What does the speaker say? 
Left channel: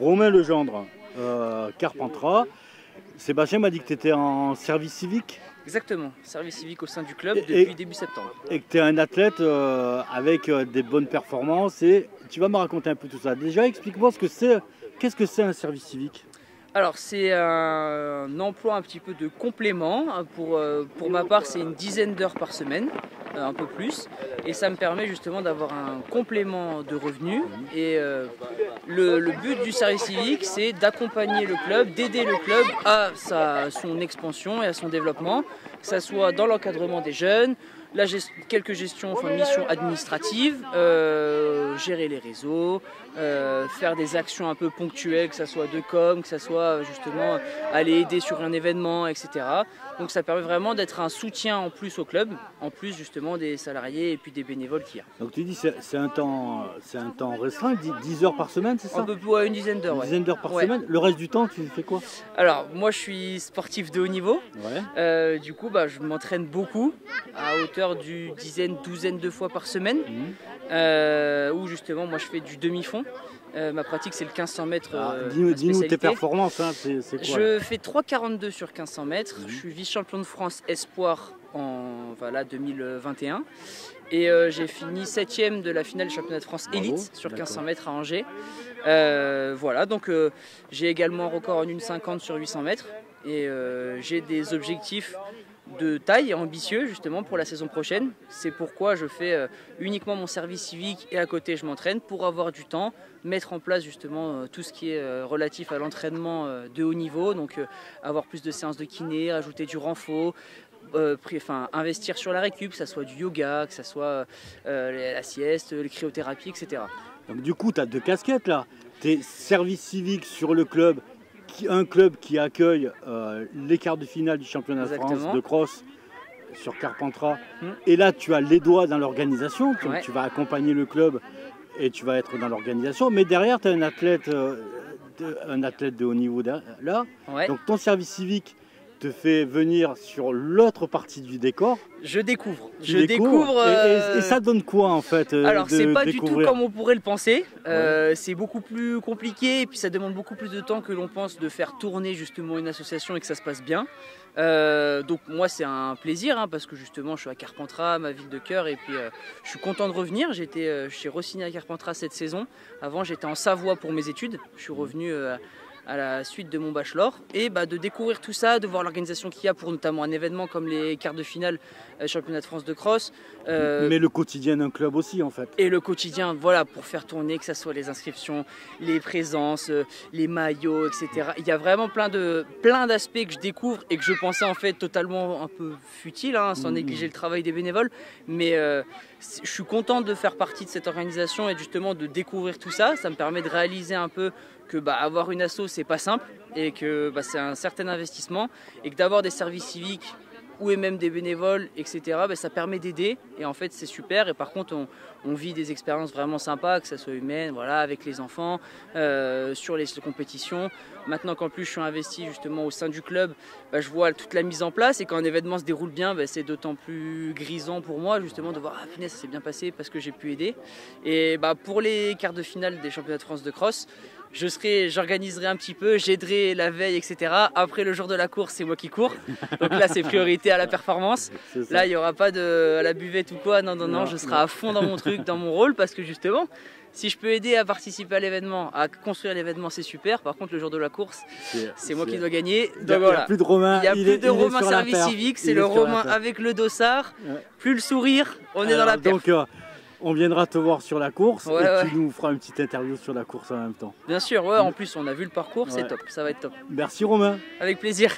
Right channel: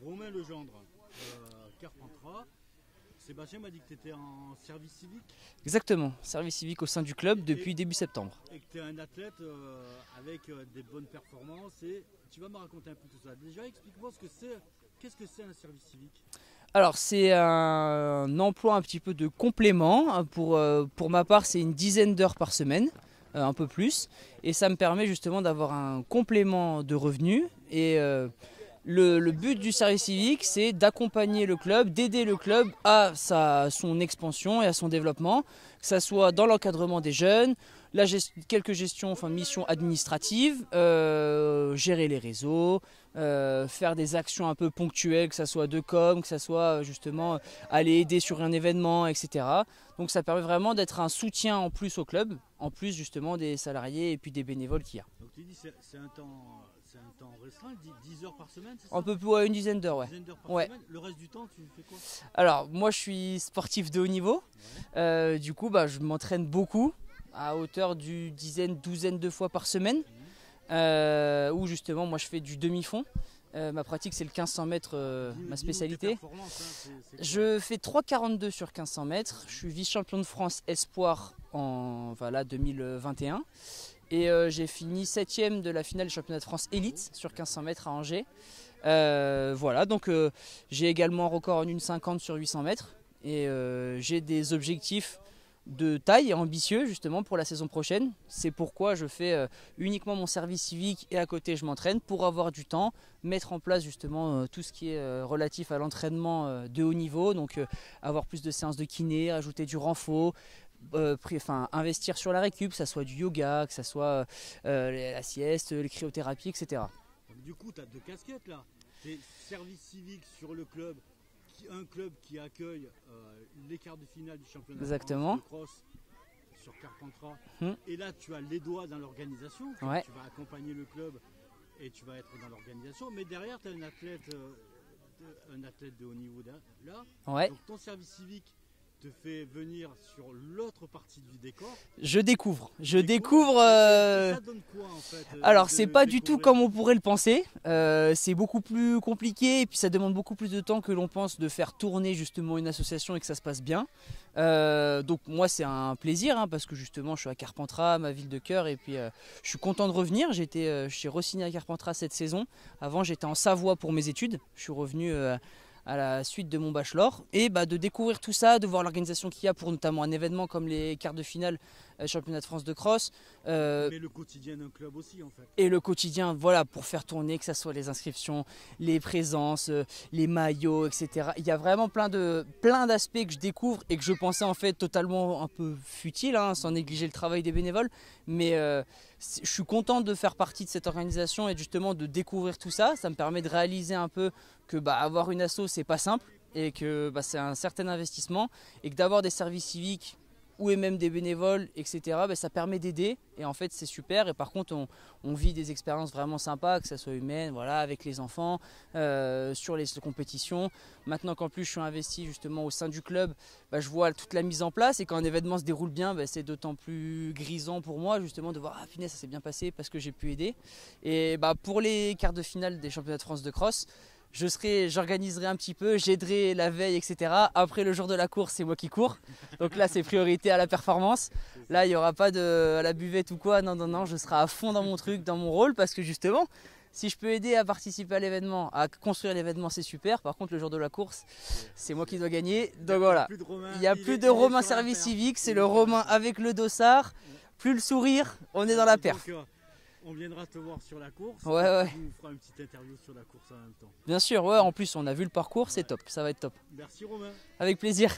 Romain Legendre, Carpentras. Sébastien m'a dit que tu étais en service civique. Exactement, service civique au sein du club depuis début septembre. Et que tu es un athlète avec des bonnes performances. Et tu vas me raconter un peu tout ça. Déjà, explique-moi ce que c'est. Qu'est-ce que c'est un service civique? Alors c'est un emploi un petit peu de complément. Pour ma part, c'est une dizaine d'heures par semaine, un peu plus. Et ça me permet justement d'avoir un complément de revenus. Et le but du service civique, c'est d'accompagner le club, d'aider le club à son expansion et à son développement, que ce soit dans l'encadrement des jeunes, quelques missions administratives, gérer les réseaux, faire des actions un peu ponctuelles, que ce soit de com, que ce soit justement aller aider sur un événement, etc. Donc ça permet vraiment d'être un soutien en plus au club, en plus justement des salariés et puis des bénévoles qu'il y a. Donc tu dis c'est un temps restreint, 10 heures par semaine, c'est ça? Un peu plus, ouais, une dizaine d'heures. Une dizaine d'heures par semaine. Le reste du temps, tu fais quoi? Alors moi je suis sportif de haut niveau. Ouais. Du coup je m'entraîne beaucoup à hauteur d'une douzaine de fois par semaine. Où justement moi je fais du demi-fond. Ma pratique c'est le 1500 mètres. Dis-nous tes performances, hein, c'est quoi? Je fais 3,42 sur 1500 mètres. Je suis vice-champion de France espoir en 2021. Et j'ai fini 7ème de la finale du championnat de France élite sur 1500 mètres à Angers. Donc j'ai également un record en 1,50 sur 800 mètres. Et j'ai des objectifs de taille et ambitieux justement pour la saison prochaine. C'est pourquoi je fais uniquement mon service civique et à côté je m'entraîne pour avoir du temps, mettre en place justement tout ce qui est relatif à l'entraînement de haut niveau, donc avoir plus de séances de kiné, rajouter du renfort, investir sur la récup, que ce soit du yoga, que ce soit la sieste, les cryothérapies, etc. Donc du coup tu as deux casquettes là, tu es service civique sur le club, un club qui accueille les quarts de finale du championnat de France de cross sur Carpentras. Et là, tu as les doigts dans l'organisation. Tu vas accompagner le club et tu vas être dans l'organisation. Mais derrière, tu as un athlète de haut niveau là. Ouais. Donc ton service civique te fait venir sur l'autre partie du décor. Je découvre. Et ça donne quoi en fait? Alors c'est pas du tout comme on pourrait le penser. C'est beaucoup plus compliqué et puis ça demande beaucoup plus de temps que l'on pense de faire tourner justement une association et que ça se passe bien. Donc moi c'est un plaisir parce que justement je suis à Carpentras, ma ville de cœur, et puis je suis content de revenir. J'étais chez Rossini à Carpentras cette saison. Avant j'étais en Savoie pour mes études. Je suis revenu à la suite de mon bachelor et de découvrir tout ça, de voir l'organisation qu'il y a pour notamment un événement comme les quarts de finale championnat de France de cross. Mais le quotidien d'un club aussi en fait. Et le quotidien, voilà, pour faire tourner, que ce soit les inscriptions, les présences, les maillots, etc. Il y a vraiment plein d'aspects que je découvre et que je pensais en fait totalement un peu futile, sans négliger le travail des bénévoles. Mais je suis content de faire partie de cette organisation et justement de découvrir tout ça. Ça me permet de réaliser un peu que avoir une asso c'est pas simple et que c'est un certain investissement et que d'avoir des services civiques ou même des bénévoles, etc., ça permet d'aider et en fait c'est super. Et par contre on vit des expériences vraiment sympas, que ça soit humaine, voilà, avec les enfants, sur les compétitions. Maintenant qu'en plus je suis investi justement au sein du club, je vois toute la mise en place et quand un événement se déroule bien, c'est d'autant plus grisant pour moi justement de voir punaise, ça s'est bien passé parce que j'ai pu aider. Et pour les quarts de finale des championnats de France de cross, j'organiserai un petit peu, j'aiderai la veille, etc. Après le jour de la course, c'est moi qui cours. Donc là, c'est priorité à la performance. Là, il n'y aura pas de la buvette ou quoi. Non, je serai à fond dans mon truc, dans mon rôle, parce que justement, si je peux aider à participer à l'événement, à construire l'événement, c'est super. Par contre, le jour de la course, c'est moi qui dois gagner. Donc voilà. Il n'y a plus de Romain. Il n'y a plus de Romain service civique, c'est le Romain avec le dossard. Plus le sourire, on est dans la perf. On viendra te voir sur la course et tu nous feras une petite interview sur la course en même temps. Bien sûr, en plus on a vu le parcours, c'est top, ça va être top. Merci Romain. Avec plaisir.